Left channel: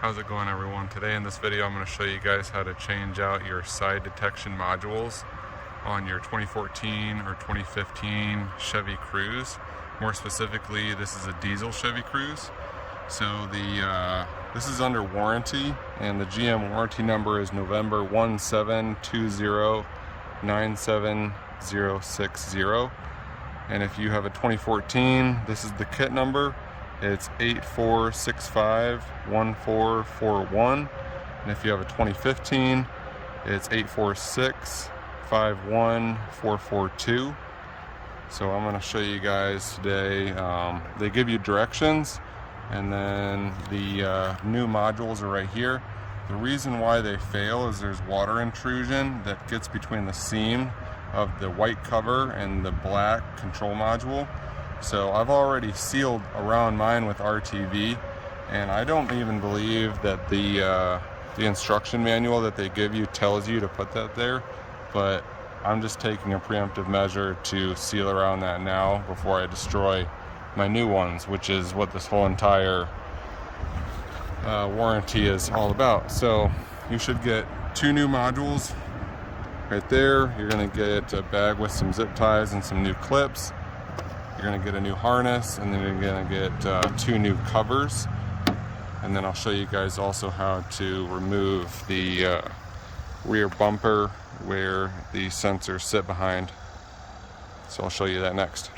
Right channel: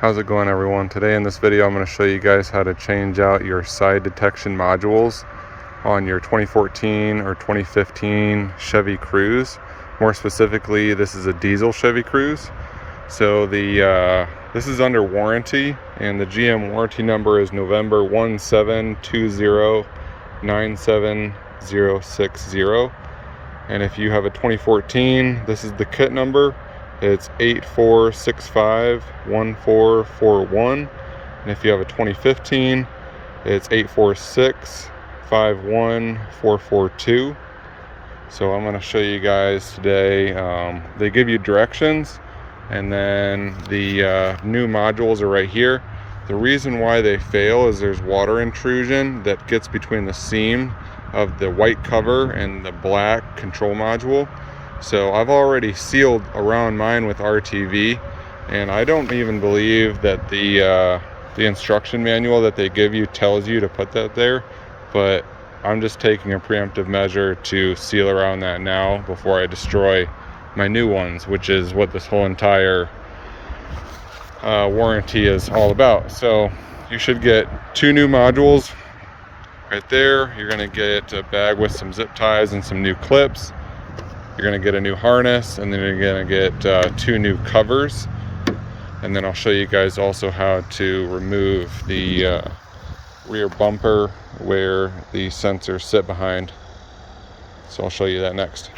How's it going, everyone? Today in this video I'm going to show you guys how to change out your side detection modules on your 2014 or 2015 Chevy Cruze. More specifically, this is a diesel Chevy Cruze. So this is under warranty, and the GM warranty number is November 172097060. And if you have a 2014, this is the kit number. It's 84651441, and if you have a 2015, it's 84651442. So I'm going to show you guys today. They give you directions, and then the new modules are right here. The reason why they fail is there's water intrusion that gets between the seam of the white cover and the black control module. So I've already sealed around mine with RTV, and I don't even believe that the instruction manual that they give you tells you to put that there, but I'm just taking a preemptive measure to seal around that now before I destroy my new ones, which is what this whole entire warranty is all about. So you should get 2 new modules right there. You're going to get a bag with some zip ties and some new clips. You're going to get a new harness, and then you're going to get 2 new covers. And then I'll show you guys also how to remove the rear bumper where the sensors sit behind. So I'll show you that next.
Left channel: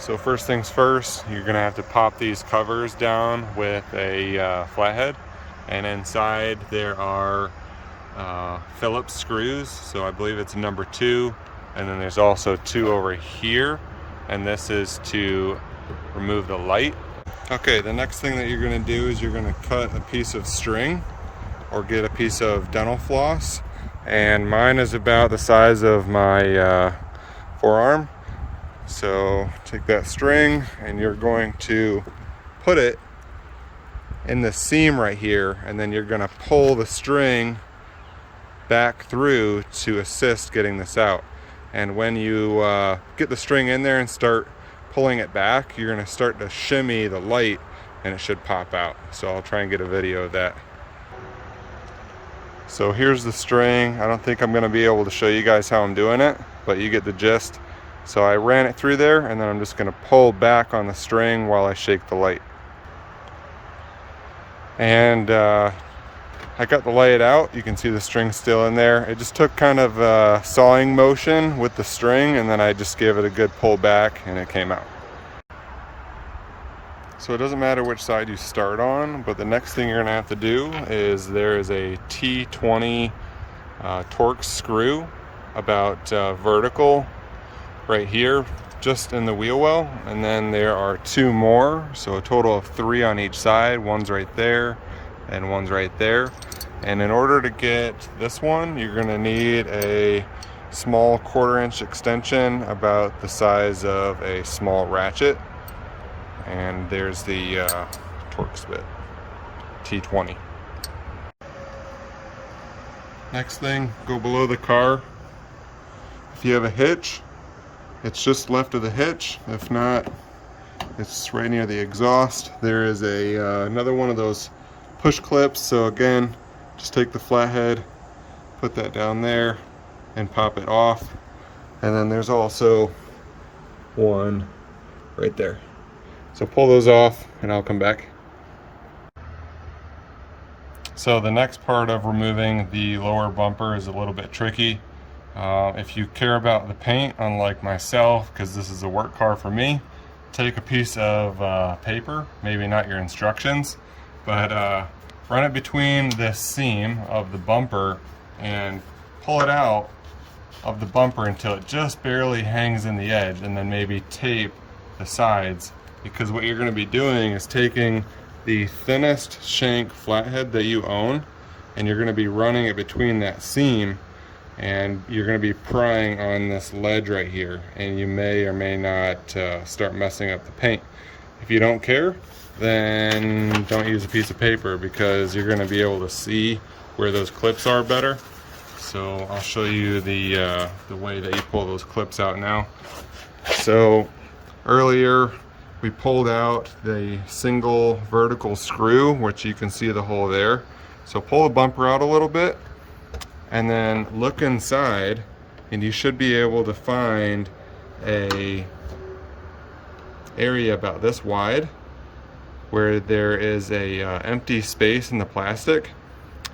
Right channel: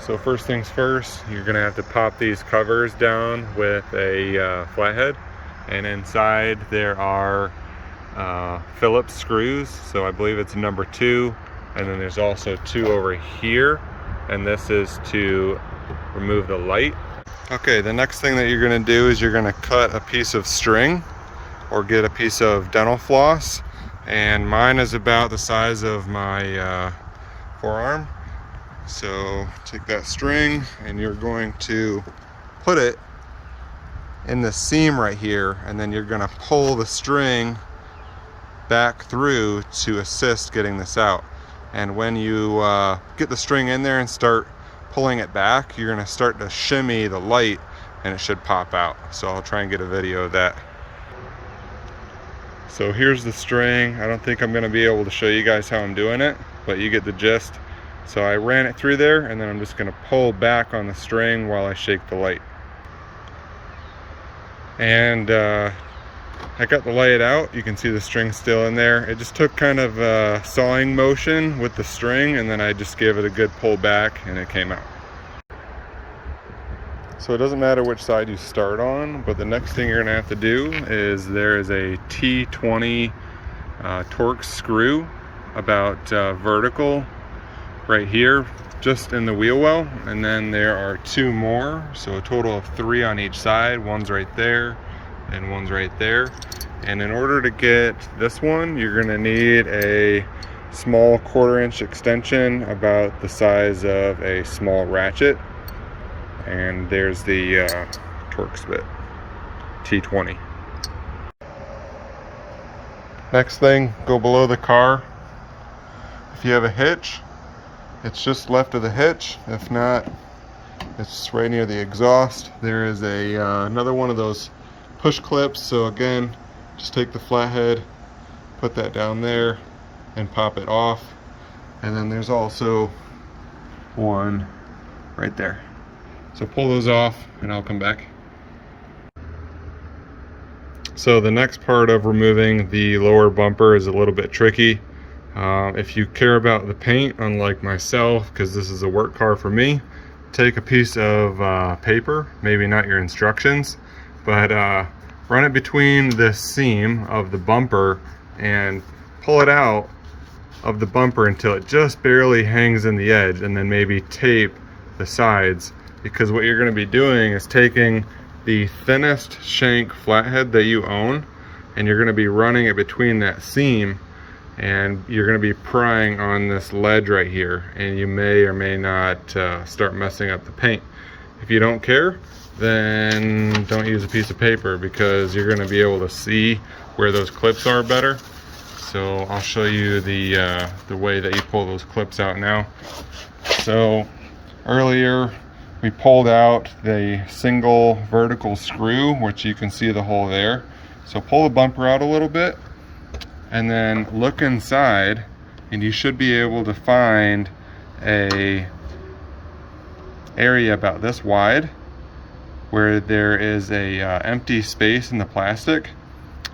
So first things first, you're going to have to pop these covers down with a flathead. And inside there are Phillips screws. So I believe it's number 2. And then there's also 2 over here, and this is to remove the light. Okay, the next thing that you're going to do is you're going to cut a piece of string or get a piece of dental floss, and mine is about the size of my forearm. So take that string and you're going to put it in the seam right here, and then you're going to pull the string back through to assist getting this out. And when you get the string in there and start pulling it back, you're going to start to shimmy the light, and it should pop out. So I'll try and get a video of that. So here's the string. I don't think I'm going to be able to show you guys how I'm doing it, but you get the gist. So I ran it through there, and then I'm just going to pull back on the string while I shake the light. And I got the light out. You can see the string still in there. It just took kind of a sawing motion with the string, and then I just gave it a good pull back and it came out. So it doesn't matter which side you start on, but the next thing you're going to have to do is there is a T20 Torx screw about vertical right here just in the wheel well, and then there are 2 more, so a total of 3 on each side. One's right there and one's right there. And in order to get this one, you're going to need a small 1/4-inch extension about the size of a small ratchet. And there's the Torx bit, T20. Next thing, go below the car. If you have a hitch, it's just left of the hitch. If not, it's right near the exhaust. There is another one of those push clips. So again, just take the flathead, put that down there and pop it off. And then there's also one right there. So pull those off and I'll come back. So the next part of removing the lower bumper is a little bit tricky. If you care about the paint, unlike myself, because this is a work car for me, take a piece of paper, maybe not your instructions, but run it between the seam of the bumper and pull it out of the bumper until it just barely hangs in the edge, and then maybe tape the sides, because what you're going to be doing is taking the thinnest shank flathead that you own, and you're going to be running it between that seam, and you're going to be prying on this ledge right here, and you may or may not start messing up the paint. If you don't care, then don't use a piece of paper, because you're going to be able to see where those clips are better. So I'll show you the way that you pull those clips out now. So earlier we pulled out the single vertical screw, which you can see the hole there. So pull the bumper out a little bit and then look inside, and you should be able to find a area about this wide where there is a empty space in the plastic,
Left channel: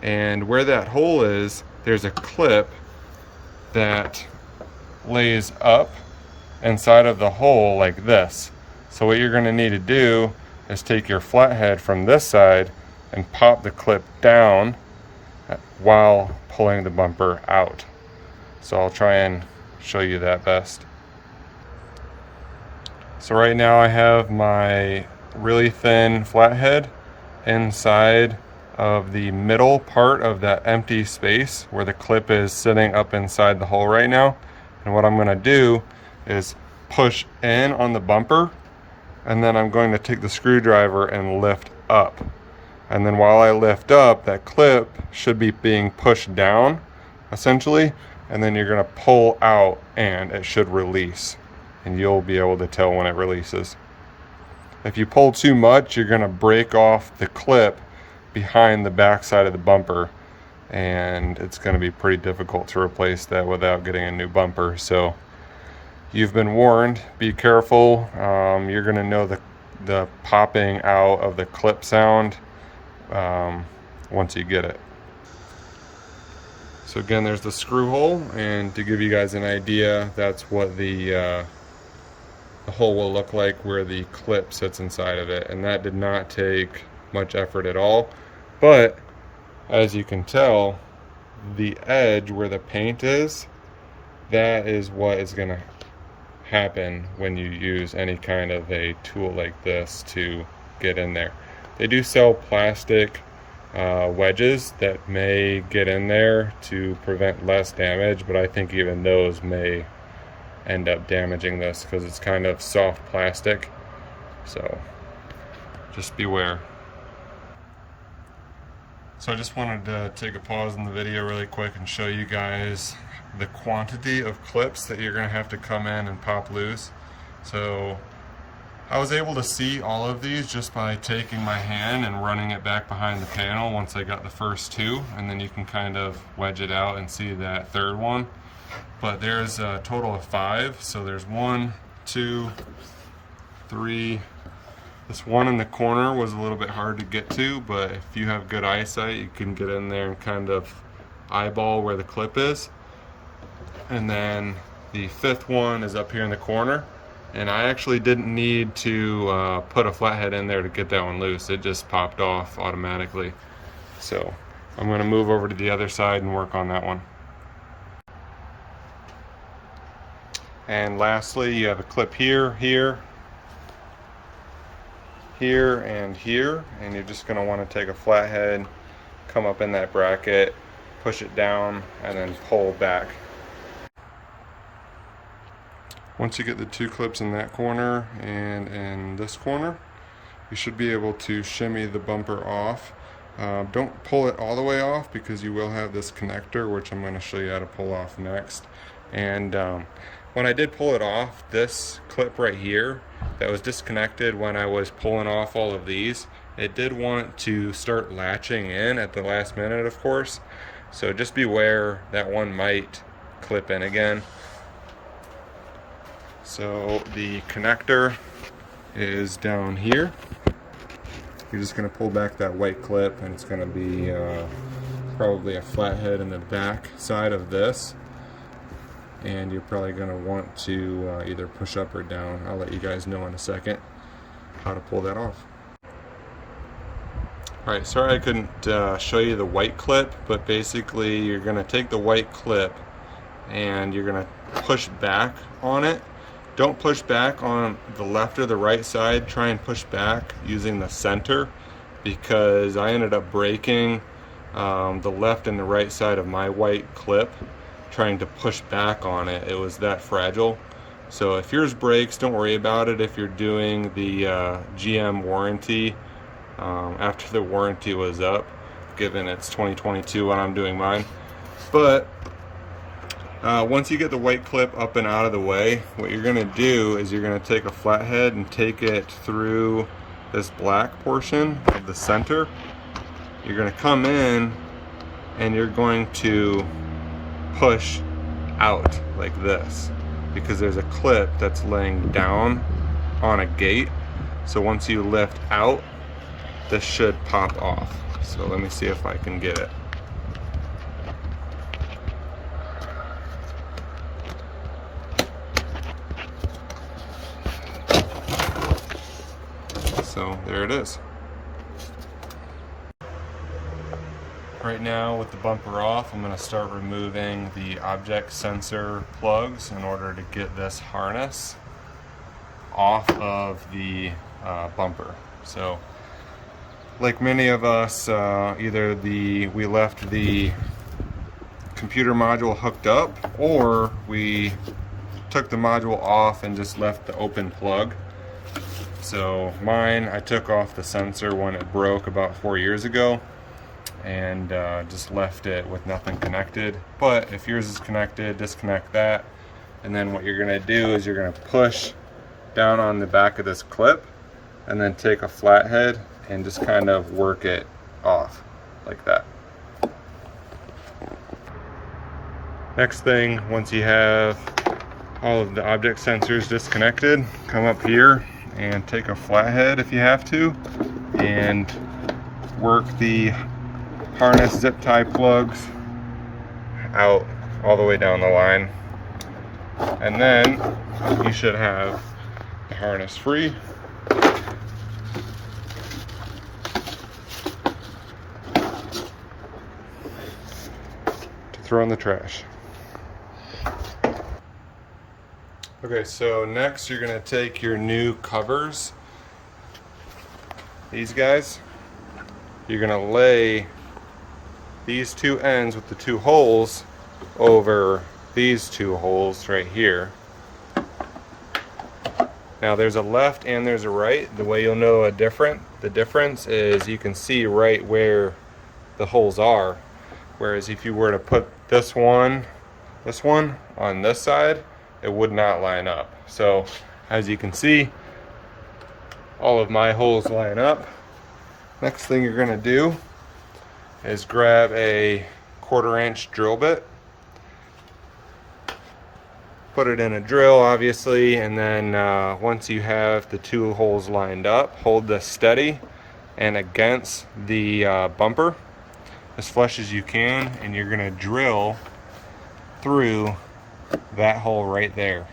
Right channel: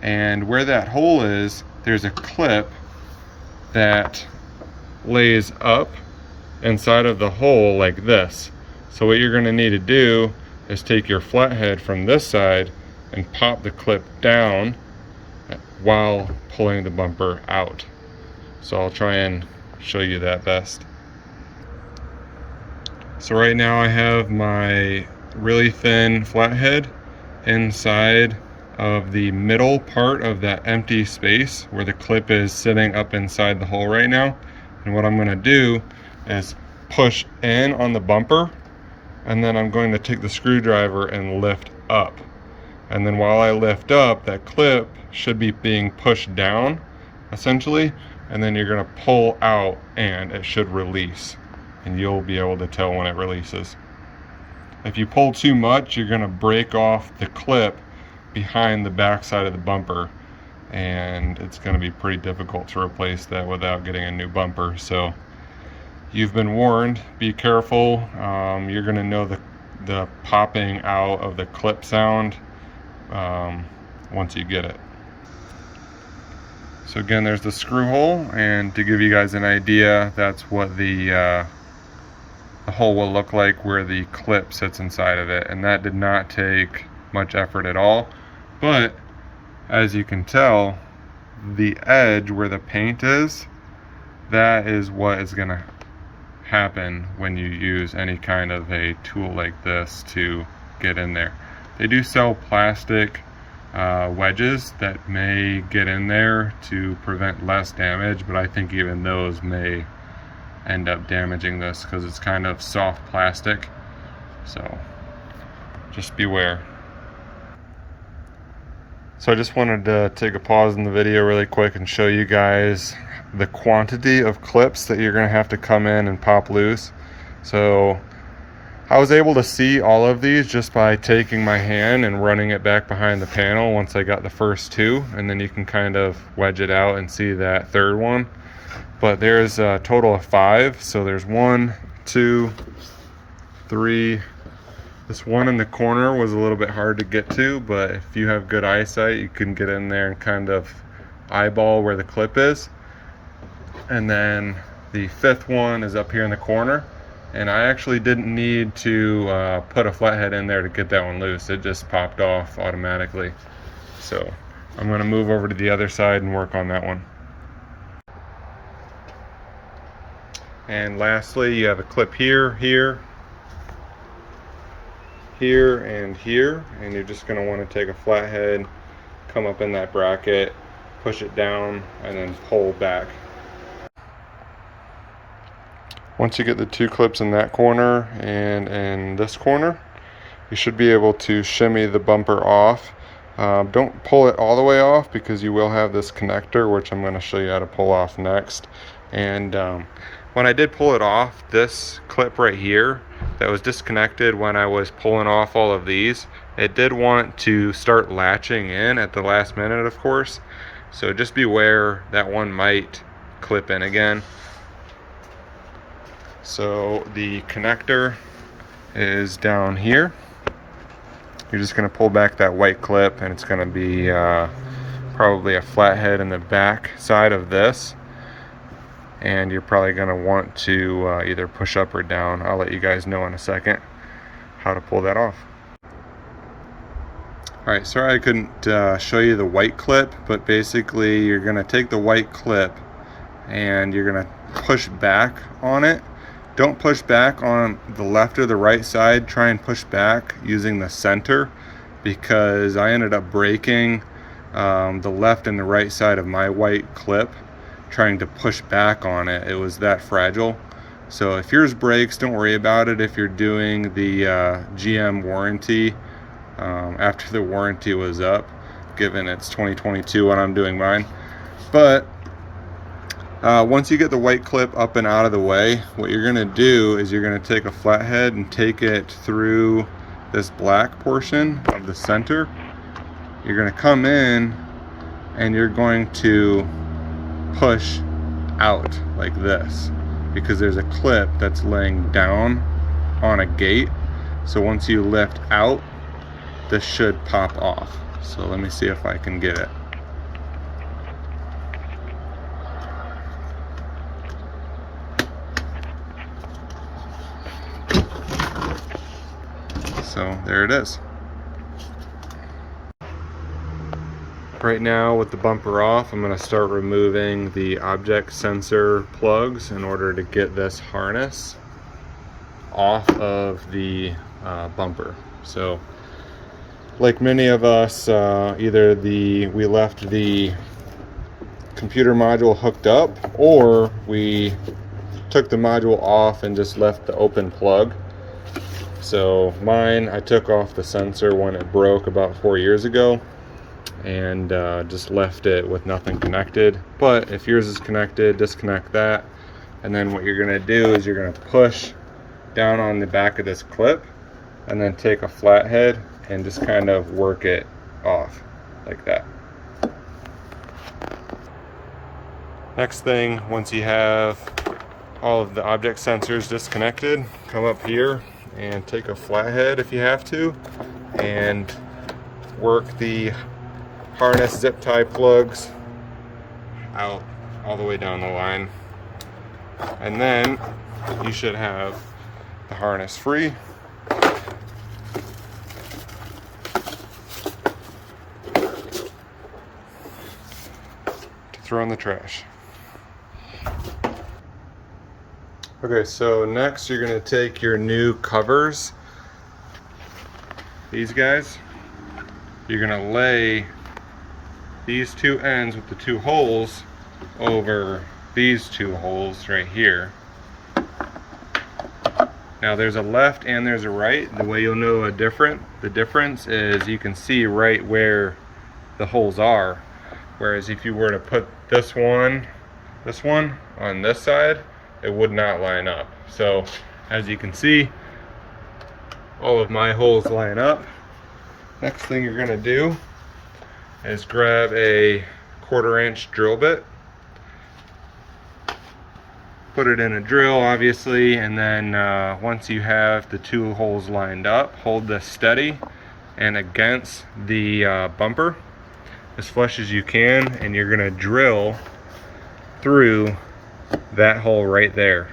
and where that hole is, there's a clip that lays up inside of the hole like this. So what you're going to need to do is take your flathead from this side and pop the clip down while pulling the bumper out. So I'll try and show you that best. So right now I have my really thin flathead inside of the middle part of that empty space where the clip is sitting up inside the hole right now. And what I'm going to do is push in on the bumper, and then I'm going to take the screwdriver and lift up. And then while I lift up, that clip should be being pushed down essentially, and then you're going to pull out and it should release, and you'll be able to tell when it releases. If you pull too much, you're going to break off the clip behind the back side of the bumper, and it's going to be pretty difficult to replace that without getting a new bumper. So you've been warned, be careful. You're going to know the popping out of the clip sound once you get it. So again, there's the screw hole, and to give you guys an idea, that's what the hole will look like where the clip sits inside of it. And that did not take much effort at all, but as you can tell, the edge where the paint is, that is what is going to happen when you use any kind of a tool like this to get in there. They do sell plastic wedges that may get in there to prevent less damage, but I think even those may end up damaging this because it's kind of soft plastic. So just beware. So I just wanted to take a pause in the video really quick and show you guys the quantity of clips that you're going to have to come in and pop loose. So I was able to see all of these just by taking my hand and running it back behind the panel once I got the first two, and then you can kind of wedge it out and see that third one. But there's a total of 5. So there's 1, 2, 3. This one in the corner was a little bit hard to get to, but if you have good eyesight, you can get in there and kind of eyeball where the clip is. And then the 5th one is up here in the corner, and I actually didn't need to put a flathead in there to get that one loose. It just popped off automatically. So I'm going to move over to the other side and work on that one. And lastly, you have a clip here, here, here, and here, and you're just going to want to take a flathead, come up in that bracket, push it down, and then pull back. Once you get the 2 clips in that corner and in this corner, you should be able to shimmy the bumper off. Don't pull it all the way off because you will have this connector, which I'm going to show you how to pull off next. And when I did pull it off, this clip right here that was disconnected when I was pulling off all of these, it did want to start latching in at the last minute, of course. So just beware, that one might clip in again. So the connector is down here. You're just going to pull back that white clip, and it's going to be probably a flathead in the back side of this. And you're probably going to want to either push up or down. I'll let you guys know in a second how to pull that off. Alright, sorry I couldn't show you the white clip, but basically you're going to take the white clip and you're going to push back on it. Don't push back on the left or the right side. Try and push back using the center, because I ended up breaking the left and the right side of my white clip trying to push back on it. It was that fragile. So if yours breaks, don't worry about it. If you're doing the GM warranty after the warranty was up, given it's 2022 when I'm doing mine. But Once you get the white clip up and out of the way, what you're gonna do is you're gonna take a flathead and take it through this black portion of the center. You're gonna come in and you're going to push out like this, because there's a clip that's laying down on a gate. So once you lift out, this should pop off. So let me see if I can get it. So there it is. Right now, with the bumper off, I'm going to start removing the object sensor plugs in order to get this harness off of the bumper. So like many of us, either we left the computer module hooked up, or we took the module off and just left the open plug. So mine, I took off the sensor when it broke about 4 years ago, and just left it with nothing connected. But if yours is connected, disconnect that, and then what you're gonna do is you're gonna push down on the back of this clip and then take a flathead and just kind of work it off like that. Next thing, once you have all of the object sensors disconnected, come up here and take a flathead if you have to, and work the harness zip tie plugs out all the way down the line, and then you should have the harness free. To throw in the trash. Okay, so next you're gonna take your new covers, these guys, you're gonna lay these two ends with the two holes over these two holes right here. Now there's a left and there's a right. The way you'll know the difference is you can see right where the holes are. Whereas if you were to put this one on this side, it would not line up. So as you can see, all of my holes line up. Next thing you're gonna do is grab a 1/4-inch drill bit, put it in a drill obviously, and then once you have the two holes lined up, hold this steady and against the bumper as flush as you can, and you're gonna drill through that hole right there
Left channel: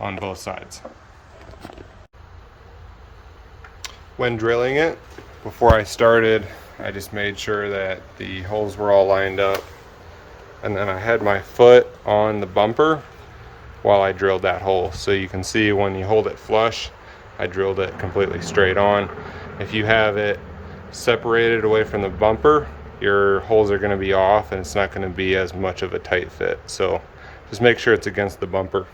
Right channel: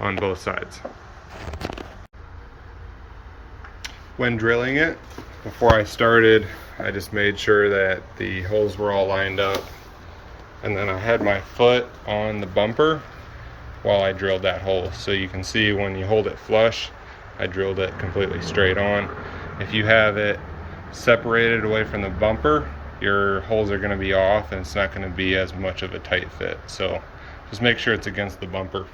on both sides. When drilling it, before I started, I just made sure that the holes were all lined up, and then I had my foot on the bumper while I drilled that hole. So you can see when you hold it flush, I drilled it completely straight on. If you have it separated away from the bumper, your holes are going to be off and it's not going to be as much of a tight fit. So just make sure it's against the bumper.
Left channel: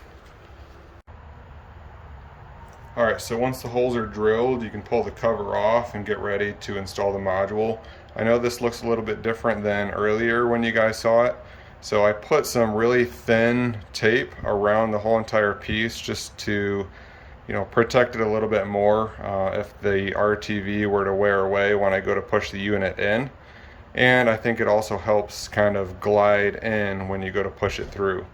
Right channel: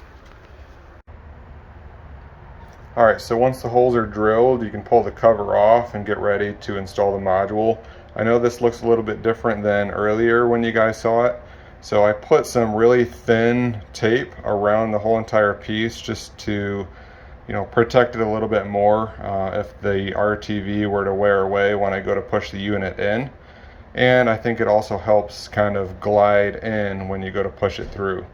Alright, so once the holes are drilled, you can pull the cover off and get ready to install the module. I know this looks a little bit different than earlier when you guys saw it. So I put some really thin tape around the whole entire piece just to, protect it a little bit more if the RTV were to wear away when I go to push the unit in. And I think it also helps kind of glide in when you go to push it through.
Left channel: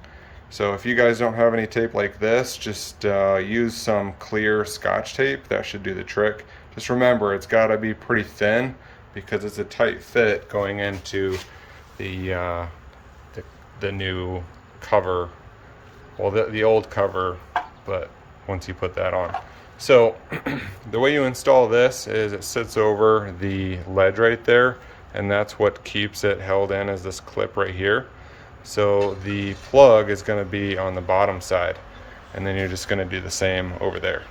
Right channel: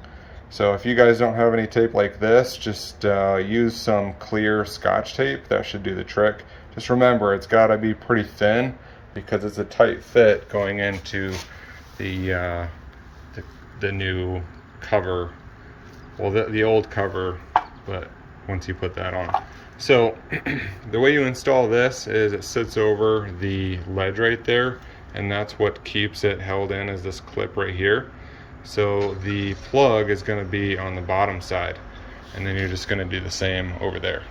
So if you guys don't have any tape like this, just use some clear Scotch tape. That should do the trick. Just remember, it's got to be pretty thin because it's a tight fit going into the new cover. Well, the old cover, but once you put that on. So the way you install this is it sits over the ledge right there, and that's what keeps it held in, is this clip right here. So the plug is going to be on the bottom side, and then you're just going to do the same over there.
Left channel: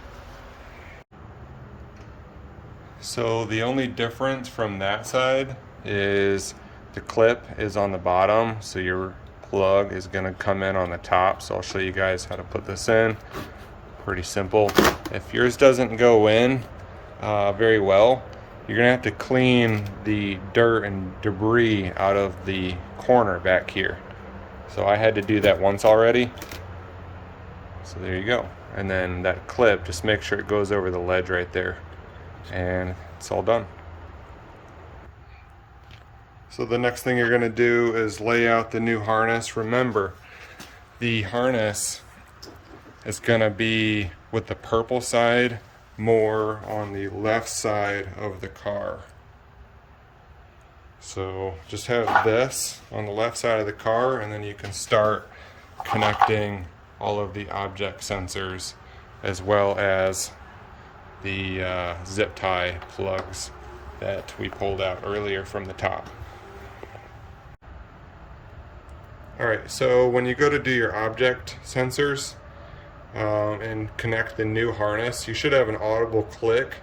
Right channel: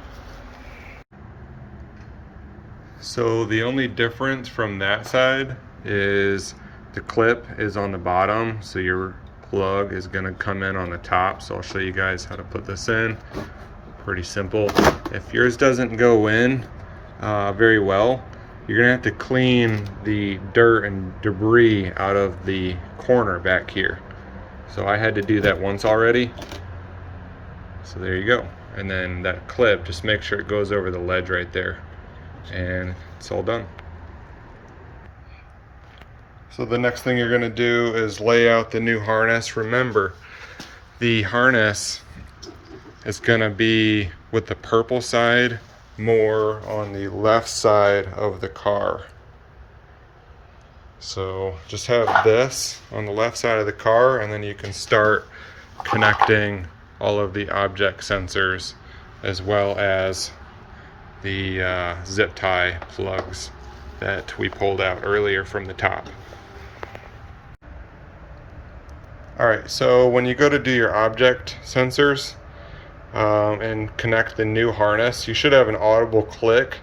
So the only difference from that side is the clip is on the bottom, so your plug is going to come in on the top. So I'll show you guys how to put this in. Pretty simple. If yours doesn't go in very well, you're gonna have to clean the dirt and debris out of the corner back here. So I had to do that once already. So there you go. And then that clip, just make sure it goes over the ledge right there. And it's all done. So the next thing you're gonna do is lay out the new harness. Remember, the harness is gonna be with the purple side more on the left side of the car. So just have this on the left side of the car, and then you can start connecting all of the object sensors as well as the zip tie plugs that we pulled out earlier from the top. Alright, so when you go to do your object sensors and connect the new harness, you should have an audible click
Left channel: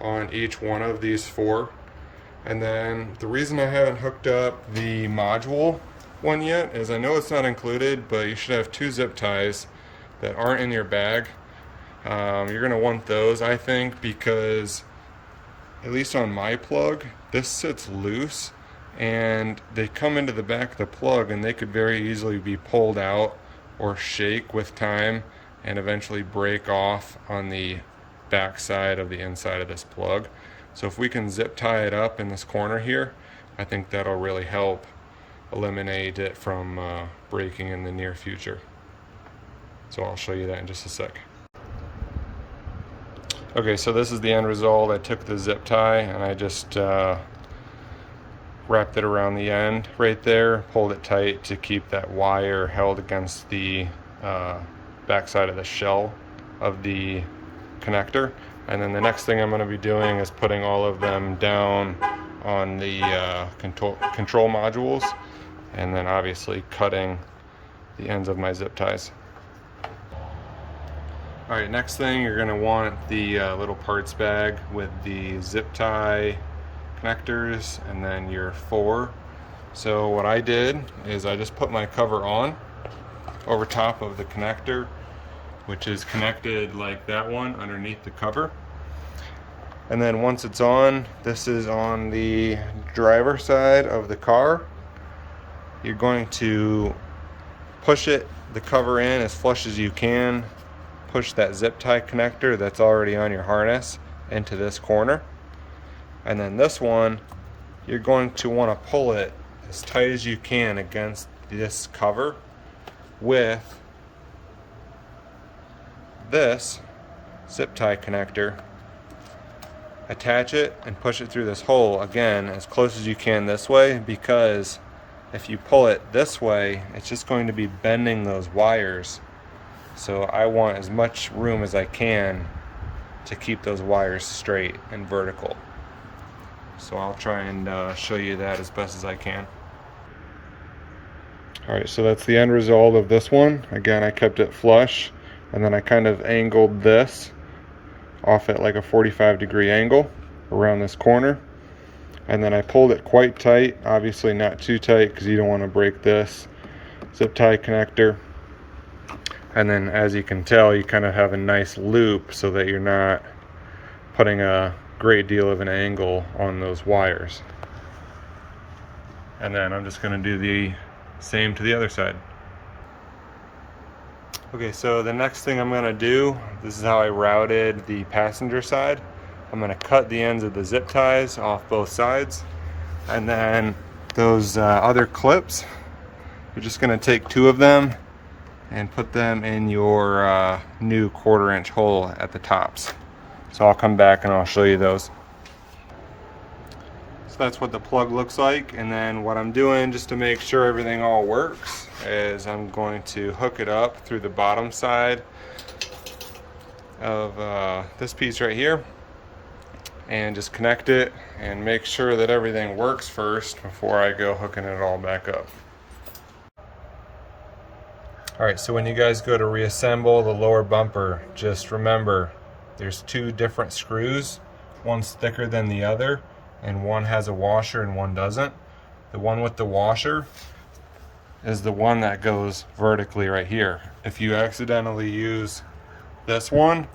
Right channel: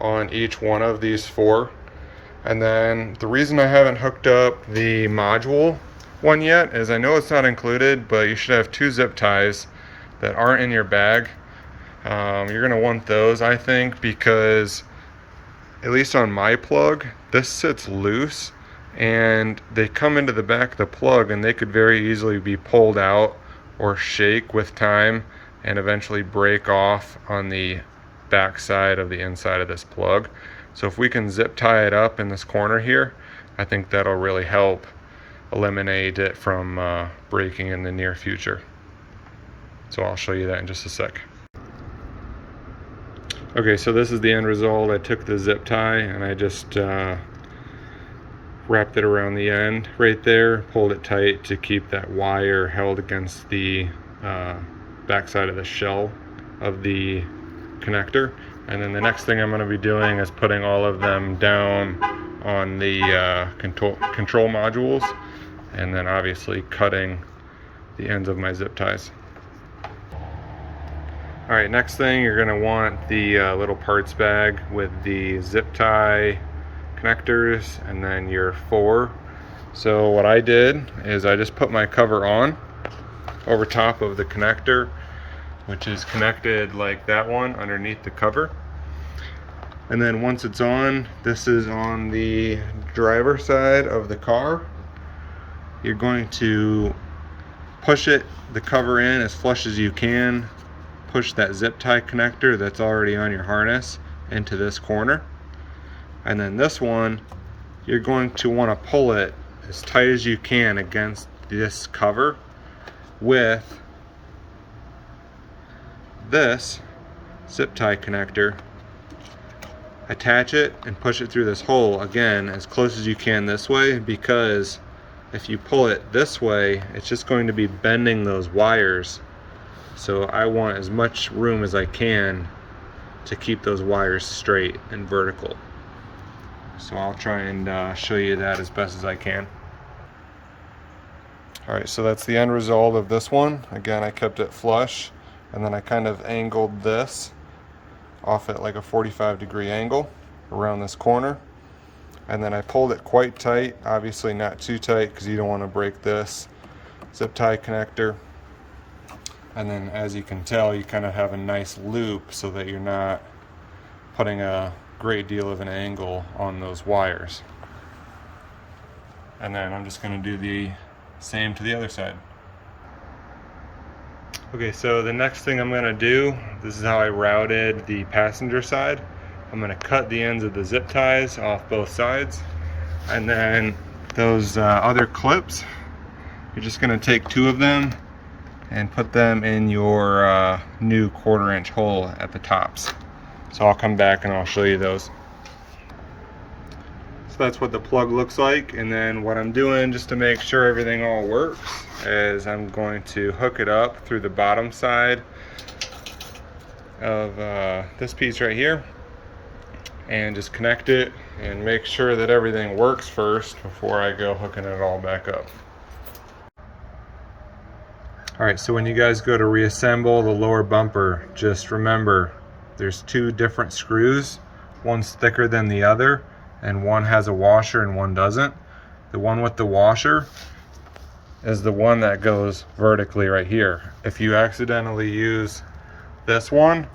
on each one of these four. And then the reason I haven't hooked up the module one yet is I know it's not included, but you should have two zip ties that aren't in your bag. You're going to want those, I think, because at least on my plug, this sits loose and they come into the back of the plug and they could very easily be pulled out or shake with time and eventually break off on the back side of the inside of this plug. So if we can zip tie it up in this corner here, I think that'll really help eliminate it from breaking in the near future. So I'll show you that in just a sec. Okay, so this is the end result. I took the zip tie and I just wrapped it around the end right there, pulled it tight to keep that wire held against the back side of the shell of the connector. And then the next thing I'm going to be doing is putting all of them down on the control modules, and then obviously cutting the ends of my zip ties. Alright, next thing you're going to want the little parts bag with the zip tie connectors and then your four. So what I did is I just put my cover on over top of the connector, which is connected like that one underneath the cover. And then once it's on, this is on the driver side of the car. You're going to push it, the cover in as flush as you can. Push that zip tie connector that's already on your harness into this corner. And then this one, you're going to want to pull it as tight as you can against this cover with this zip tie connector. Attach it and push it through this hole again as close as you can this way, because if you pull it this way, it's just going to be bending those wires. So I want as much room as I can to keep those wires straight and vertical. So I'll try and show you that as best as I can. Alright, so that's the end result of this one. Again, I kept it flush, and then I kind of angled this off at like a 45-degree angle around this corner. And then I pulled it quite tight, obviously not too tight because you don't want to break this zip tie connector. And then as you can tell, you kind of have a nice loop so that you're not putting a great deal of an angle on those wires. And then I'm just going to do the same to the other side. Okay, so the next thing I'm going to do, this is how I routed the passenger side. I'm going to cut the ends of the zip ties off both sides, and then those other clips, you're just going to take two of them and put them in your new 1/4-inch hole at the tops. So I'll come back and I'll show you those. So that's what the plug looks like, and then what I'm doing just to make sure everything all works is I'm going to hook it up through the bottom side of this piece right here and just connect it and make sure that everything works first before I go hooking it all back up. Alright, so when you guys go to reassemble the lower bumper, just remember there's two different screws. One's thicker than the other, and one has a washer and one doesn't. The one with the washer is the one that goes vertically right here. If you accidentally use this one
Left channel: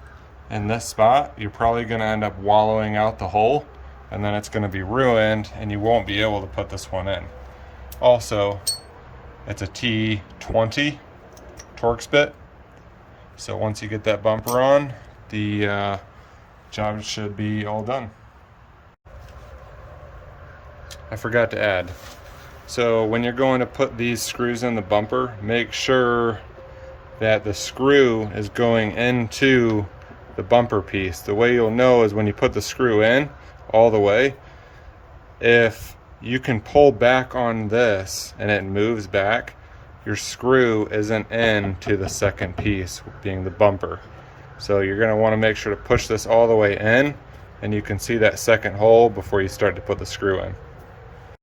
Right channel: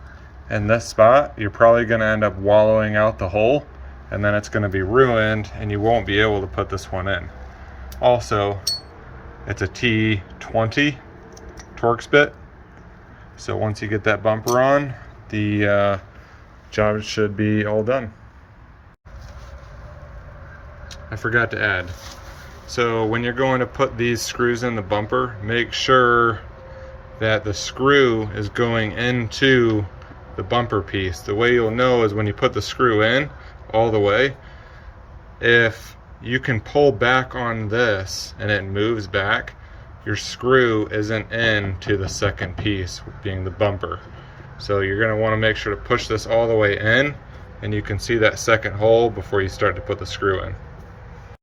in this spot, you're probably going to end up wallowing out the hole, and then it's going to be ruined and you won't be able to put this one in. Also, It's a T20 Torx bit. So once you get that bumper on, the job should be all done. I forgot to add. So when you're going to put these screws in the bumper, make sure that the screw is going into the bumper piece. The way you'll know is when you put the screw in all the way, if you can pull back on this and it moves back, your screw isn't into the second piece, being the bumper. So you're going to want to make sure to push this all the way in, and you can see that second hole before you start to put the screw in.